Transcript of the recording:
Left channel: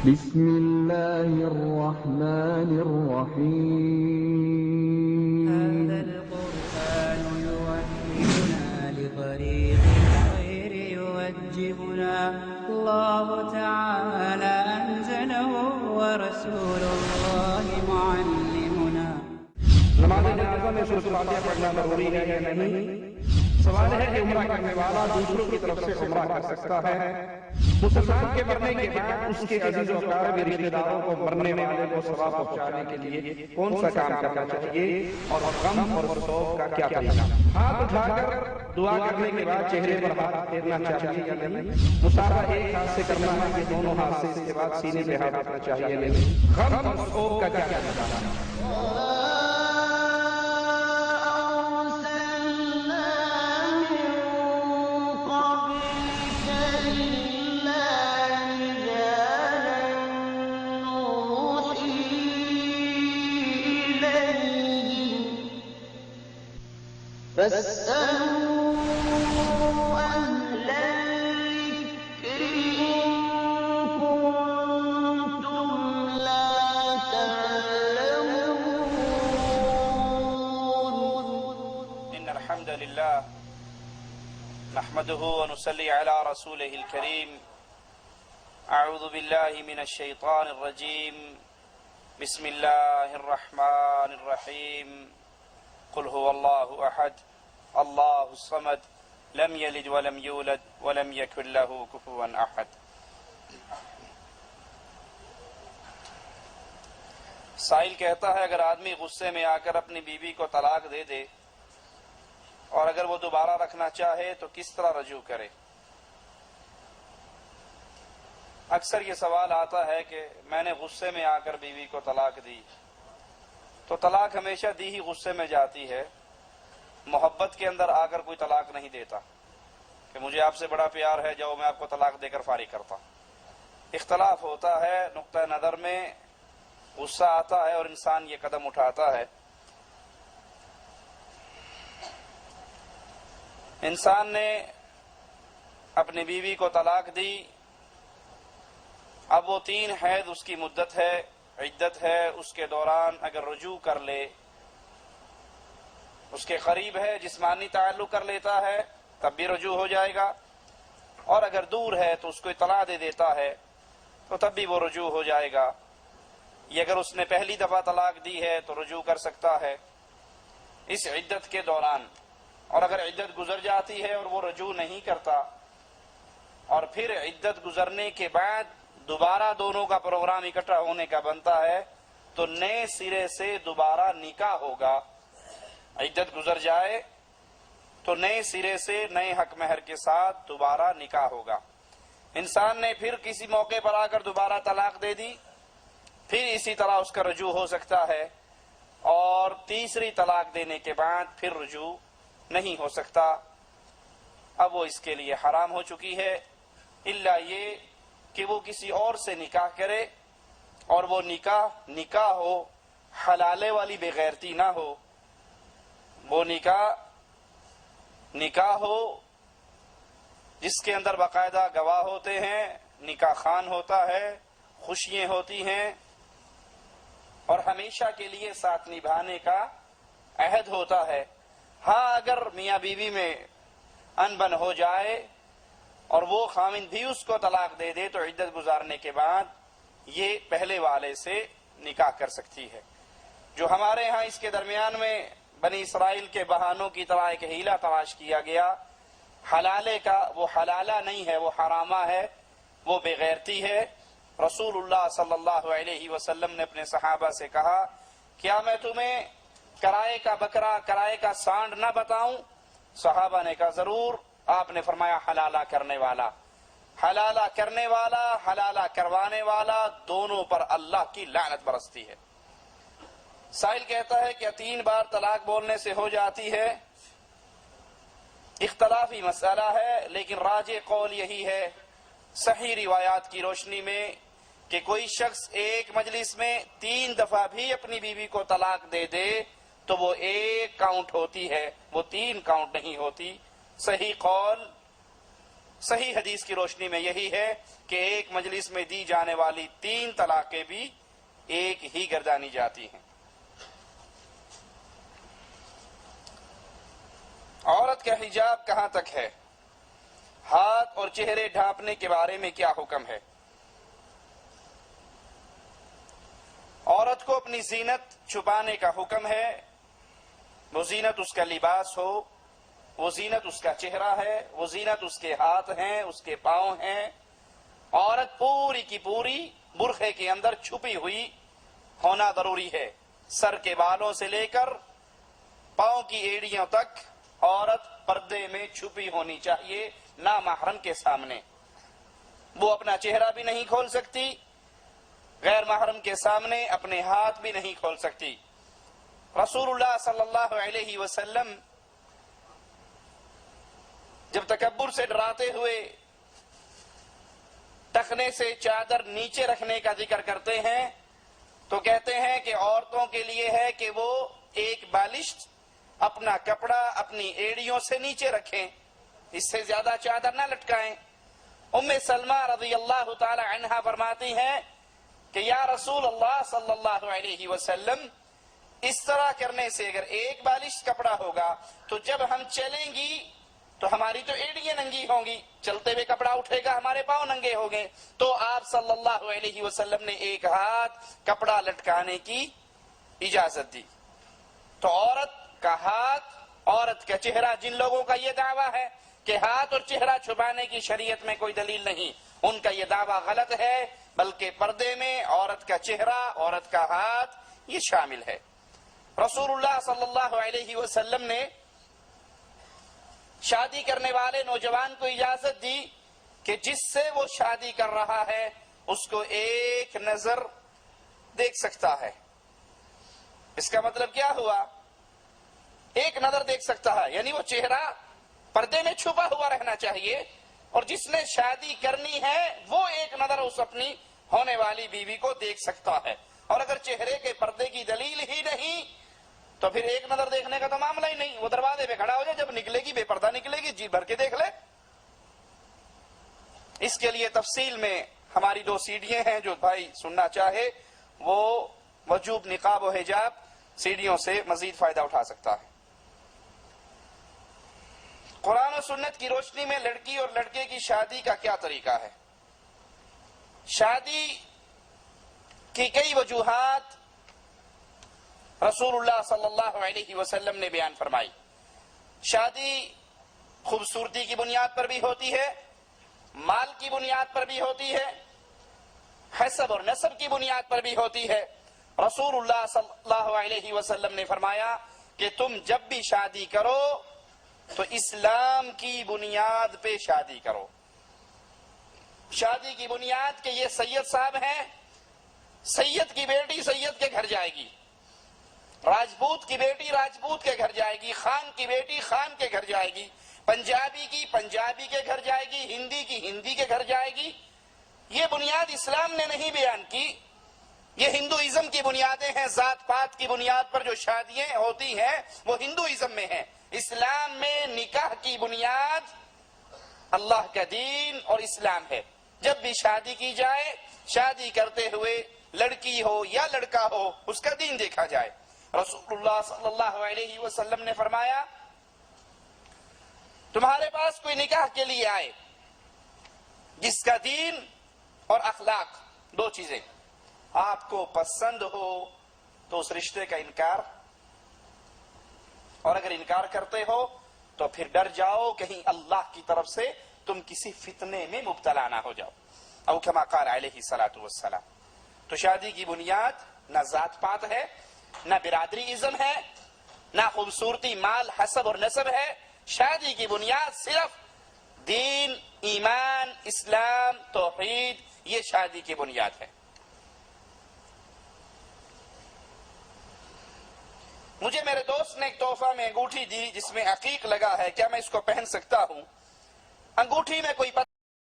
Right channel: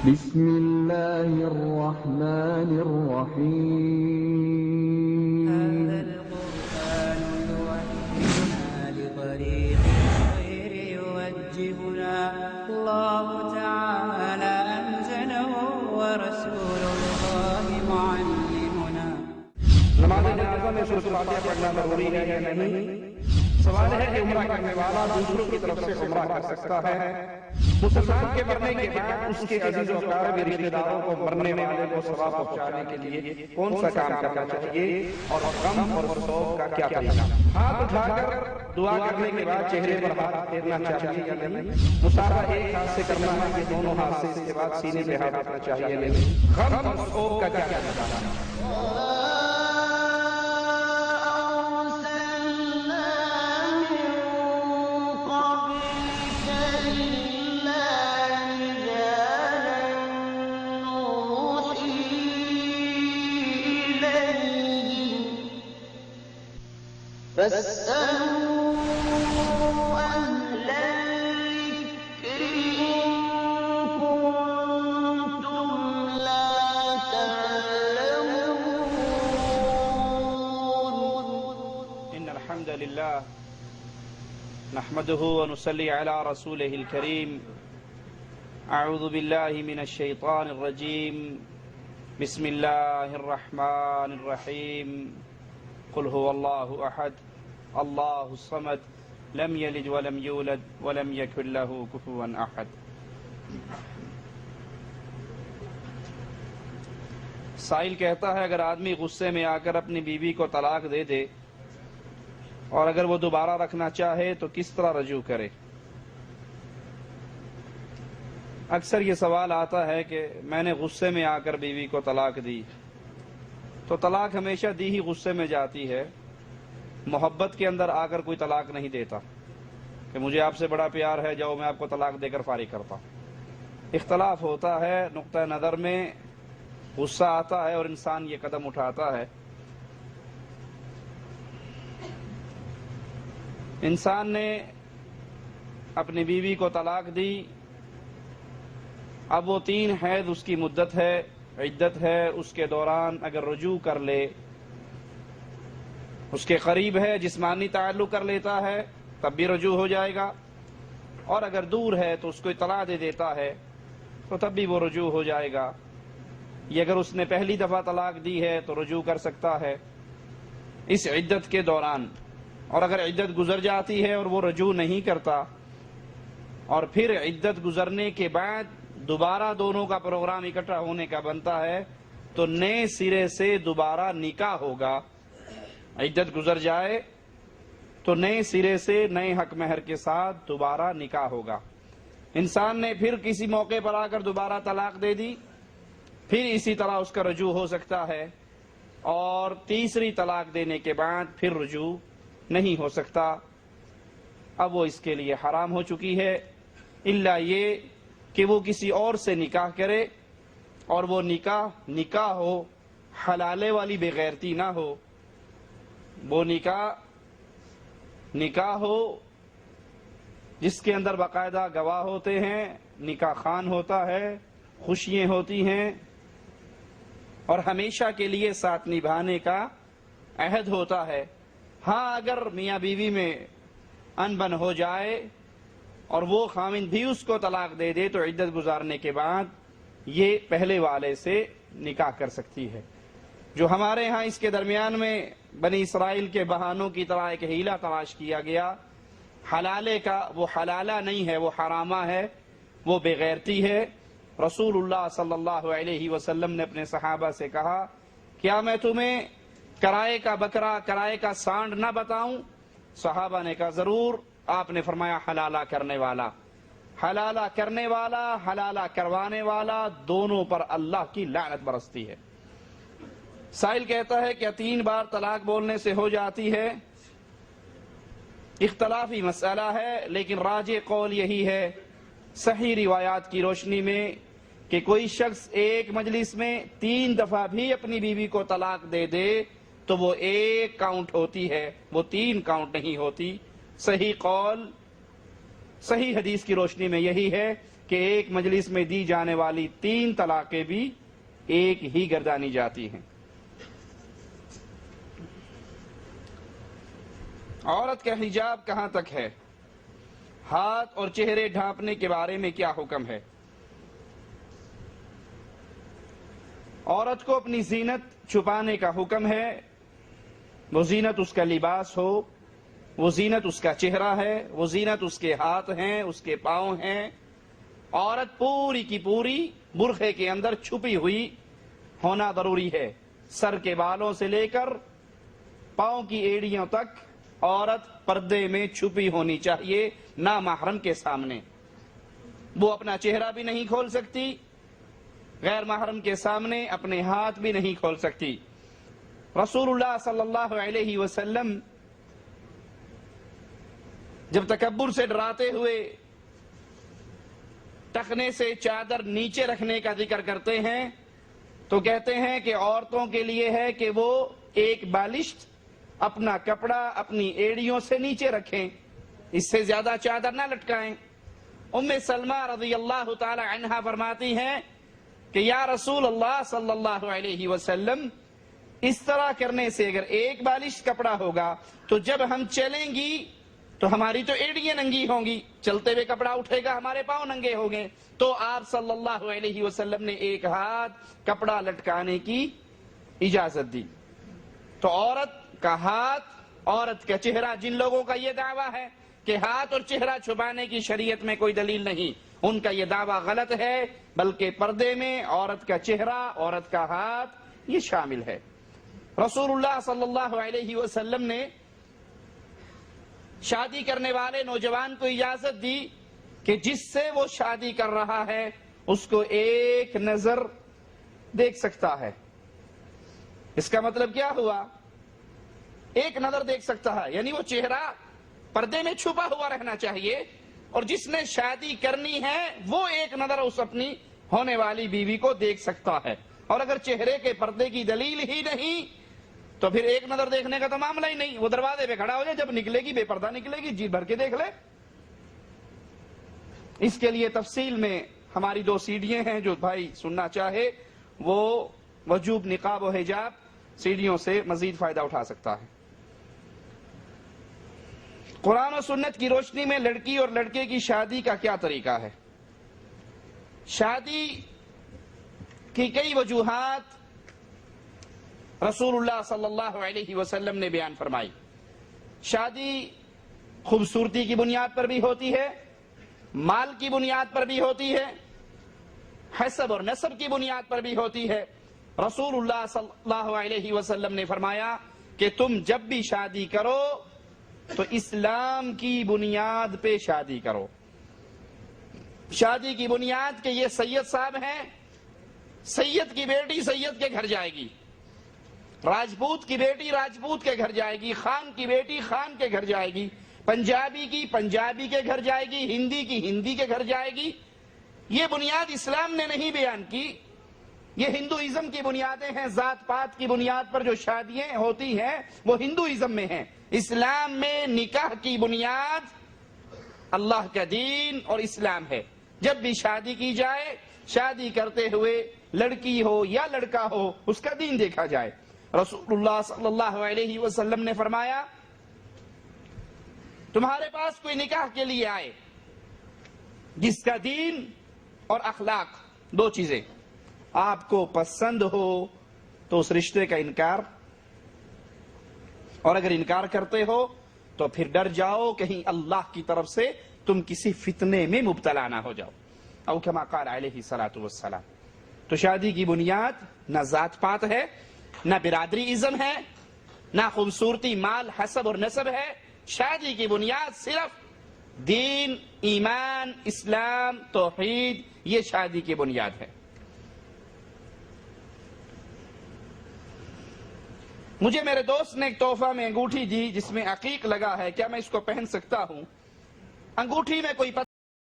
بسم الله الرحمن الرحيم. هذا القرآن يوحدنا لطريق الخير يوجهنا، الله تعالى أنزله ورسول الله معلمنا. نماز جنازہ میں سورۃ الفاتحہ پڑھنا ضروری ہے یا نہیں؟ سوال ہے کہ عمرہ کرنے والا دوسروں کی طرف سے عمرہ کر سکتا ہے؟ مسلمان کے مرنے کے بعد اس کے عزیز و اقارب رشتہ داروں کو مرنے والے کو ثواب پہنچانے کے لیے کون سا کام کرنا چاہیے اور غم اور سوگ کا کیا طریقہ؟ ہاتھ اٹھا کر دعا کرنے کے بعد چہرے پر ہاتھ پھیرنا چاہیے یا نہیں؟ مصافحہ ایک ہاتھ سے کرنا ہے کہ دونوں ہاتھ سے؟ اس کے بعد سینے پہ ہاتھ رکھنا چاہیے یا نہیں؟ غم اور سوگ کا کیا طریقہ؟ فاسألوا أهل الذكر إن كنتم لا تعلمون. إن الحمد لله نحمده ونصلي على رسوله الكريم. أعوذ بالله من الشيطان الرجيم. بسم الله الرحمن الرحيم. قل هو الله أحد الله الصمد لم يلد ولم يولد ولم يكن له كفوا أحد. سائل کہتا ہے اگر آدمی غصے میں آ کر اپنی بیوی کو طلاق دے دے اور اگر وہ دوبارہ رکھنا چاہے تو کس طرح رجوع کرے؟ اکثر یہ سوال آتا ہے کہ میں نے غصے میں آ کر بیوی کو طلاق دی، تو طلاق ہمیشہ دی ہی غصے میں جاتی ہے، محبت کے اندر آ کر کوئی طلاق نہیں دیتا کہ مجھے آپ سے بڑا پیار ہے جاؤ میں آپ کو طلاق دے کر فارغ کرتا ہوں۔ اختلاف ہوتا ہے، نقطہ نظر میں غصہ آتا ہے اور انسان یہ قدم اٹھاتا ہے۔ انسان نے اپنی بیوی کو طلاق دی، اب وہ 3 حیض اس کی مدت ہے، عدت ہے، اس کے دوران اگر رجوع کر لے، اس کے قریب ہے، جسمانی تعلق کر لیتا ہے تب بھی رجوع ہو جائے گا، اور اگر دور ہے تو اس کو اطلاع دے دیتا ہے تو تب بھی وہ رجوع ہو جائے گا۔ یہ اگر اس نے پہلی دفعہ طلاق دی ہے تو رجوع کر سکتا ہے اس عدت کے دوران، اور اگر عدت گزر جاتی ہے اور وہ رجوع نہیں کرتا اور پھر عدت گزرنے کے بعد دوبارہ دونوں کا پروگرام اکٹھا ہونے کا بنتا ہے تو نئے سرے سے دوبارہ نکاح ہوگا۔ عدت گزر جائے تو نئے سرے سے نئے حق مہر کے ساتھ دوبارہ نکاح ہوگا۔ انسان نے پھر کسی موقع پر آ کر دوبارہ طلاق دے دی، پھر اسی طرح اس کا رجوع ہو سکتا ہے، اور تیسری طلاق دینے کے بعد پھر رجوع نہیں ہو سکتا، اب وہ اس کے لیے حرام ہو چکی ہے، الا یہ کہ وہ کسی اور سے نکاح کرے اور وہ نکاح ہو، حلالے والی بغیرتی نہ ہو، وہ نکاح ہو جس کے اندر باقاعدہ گواہ ہوتے ہیں، نکاح خوان ہوتا ہے، خوشیاں ہوتی ہیں اور ہمیشہ کے لیے ساتھ نبھانے کا عہد ہوتا ہے۔ ہاں اگر میاں بیوی میں انبن ہو جائے اور وہ خامند بھی اس کو طلاق دے دے تو عدت گزارنے کے بعد یہ پہلے والے سے نکاح کر سکتی ہے۔ جو ہمارے ہاں اس کے درمیان میں بنی اسرائیل کے بہانوں کی طرح ایک ہیلہ تلاش کیا گیا، حلالے کا، وہ حلالہ نہیں ہے، وہ حرامہ ہے، وہ بغیرتی ہے۔ رسول اللہ صلی اللہ علیہ وسلم نے اپنے صحابہ سے کہا کیا میں تمہیں کرائے کا بکرا، کرائے کا سانڈ نہ بتاؤں؟ صحابہ نے کہا ضرور۔ آپ نے فرمایا حلالہ کرنے والا، حلالہ کرنے والا، حلالہ کروانے والا، دونوں پر اللہ کی لعنت برستی ہے۔ سائل کہتا ہے کیا 3 بار طلاق بولنے سے ہو جاتی ہے؟ اختلافی مسئلہ ہے، لیکن راجح قول یہی ہے صحیح روایات کی روشنی میں کہ کوئی شخص ایک مجلس میں 3 دفعہ بھی اپنی بیوی کو طلاق دے دے تو وہ 1 کاؤنٹ ہوتی ہے، وہ 3 کاؤنٹ نہیں ہوتی۔ صحیح قول صحیح حدیث کی روشنی میں یہی ہے کہ ایک مجلس میں دی جانے والی 3 طلاقیں بھی ایک ہی گردانی جاتی ہیں۔ عورت کا حجاب کہاں تک ہے؟ ہاتھ اور چہرے ڈھانپنے کے بارے میں کیا حکم ہے؟ عورت کو اپنی زینت چھپانے کا حکم ہے۔ وہ زینت اس کا لباس ہو، وہ زینت اس کا چہرہ ہے، وہ زینت اس کے ہاتھ ہیں، اس کے پاؤں ہیں۔ عورت پوری کی پوری برقعے کے اندر چھپی ہوئی ہونا ضروری ہے۔ سر کے بالوں سے لے کر پاؤں کی ایڑیوں تک عورت پردے میں چھپی ہونی چاہیے، نامحرم کے سامنے۔ وہ اپنا چہرہ بھی نہیں کھول سکتی، غیر محرم کے سامنے اپنے ہاتھ بھی نہیں کھول سکتی۔ رسول اللہ صلی اللہ علیہ وسلم جب تکبر سے ڈراتے ہوئے ٹخنے سے چادر نیچے رکھنے کا ذکر کرتے ہیں تو کہتے ہیں کہ عورتوں کے لیے ہے کہ وہ ایک بالشت اپنا کپڑا اپنی ایڑیوں سے نیچے رکھیں، اس سے زیادہ چادر نہ لٹکائیں۔ ام سلمہ رضی اللہ تعالی عنہا فرماتی ہیں کہ یا رسول اللہ صلی اللہ علیہ وسلم، اس طرح کرنے سے اگر ایک بالش کپڑا ہوگا تو جب ہم چلیں گی تو ہماری تو ایڑیاں ننگی ہوں گی، چلتے ہوئے کپڑا اٹھے گا ہمارے پاؤں ننگے ہوں گے۔ تو آپ صلی اللہ علیہ وسلم نے ایک ہاتھ کپڑا لٹکانے کی اجازت دی۔ تو عورت کا ہاتھ، عورت کا چہرہ، جن لوگوں کا یہ دعویٰ ہے کہ ہاتھ اور چہرہ چھپانے کی شریعت میں کوئی دلیل نہیں، ان کا یہ دعویٰ غلط ہے، بلکہ پردے میں عورت کا چہرہ، عورت کا ہاتھ یہ شامل ہے۔ رسول اللہ صلی اللہ علیہ وسلم نے شادی کرنے والے نوجوان کو اجازت دی کہ جس سے وہ شادی کر رہا ہے اس کو ایک نظر دیکھ سکتا ہے۔ اس کا مطلب کیا ہوا؟ ایک نظر دیکھ سکتا ہے، یعنی وہ چہرہ پردے میں چھپا ہوا رہنا چاہیے، اور جس نے شادی کرنی ہے وہ ایک نظر اس اپنی ہونے والی بیوی کو دیکھ سکتا ہے۔ اور اگر چہرے کے پردے کی دلیل ہی نہیں تو پھر ایک نظر دیکھنے کا تو معاملہ ہی نہیں، وہ دروازے پہ کھڑا ہو جائے، جب نکلے گی بے پردہ نکلے گی، جی بھر کے دیکھ لے۔ اس کے لیے تفصیل میں ہماری 2 سیڑھیاں ہیں، جو بھائی سننا چاہے وہ وجوب نقاب و حجاب سیڑھیوں سے مزید فائدہ اٹھا سکتا ہے۔ قرآن و سنت کی روشنی میں لڑکی اور لڑکے کی شادی کا کیا طریقہ ہے؟ شادی کی کئی وجوہات رسول اللہ صلی اللہ علیہ وسلم نے بیان فرمائی۔ شادی خوبصورتی کی بنیاد پر بھی ہوتی ہے، مال کی بنیاد پر بھی ہوتی ہے، حسب اور نسب کی بنیاد پر بھی ہوتی ہے۔ رسول اللہ صلی اللہ علیہ وسلم نے فرمایا کہ تم جب بھی شادی کرو تو اسلام کی بنیاد پہ شادی کرو۔ شادی کی بنیاد کہ یہ سید صاحب ہیں، سید کی بیٹی سید کے گھر جائے گی، راجپوت کی بیٹی راجپوت کے گھر جائے گی، خان کی بیٹی خان کے گھر جائے گی، پنجابی کی پنجابی کے گھر جائے گی، ہندی کی ہندی کے گھر جائے گی۔ یہ بنیاد اسلام نے نہیں بیان کی، یہ ہندوازم کی بنیادیں ہیں۔ ذات پات کی بنیاد پر جو شادیاں ہوتی ہیں وہ ہندوازم میں ہیں۔ اسلام میں نکاح کی بنیاد اللہ کا دین اور اسلام ہے۔ جب بھی شادی کی جائے، شادی کرتے ہوئے لڑکی ہو یا لڑکا ہو اس کا دین دیکھا جائے۔ رسول اللہ صلی اللہ علیہ وسلم نے فرمایا تمہارے پاس کوئی نکاح کے لیے آئے جس کا دین اور اخلاق 2 چیزیں آپ کو پسند ہو تو اس رشتے کا انکار، اور اگر انکار کرتے ہو تو پھر ڈر جاؤ کہیں اللہ کی طرف سے تم کسی فتنے میں مبتلا نہ ہو جاؤ، او کما قال علیہ الصلوۃ والسلام۔ تو شادی کی بنیاد نہ ذات پات ہے، نہ برادری ازم ہے، نہ خوبصورتی، مال، حسب اور نسب ہے۔ شادی کی بنیاد صرف دین، ایمان، اسلام، توحید، یہ شادی کی بنیاد ہے۔ مجھے میرے دوست نے ایک تحفہ میں انگوٹھی دی جس میں عقیق لگا ہے، کیا میں اس کو پہن سکتا ہوں؟ انگوٹھی میں کوئی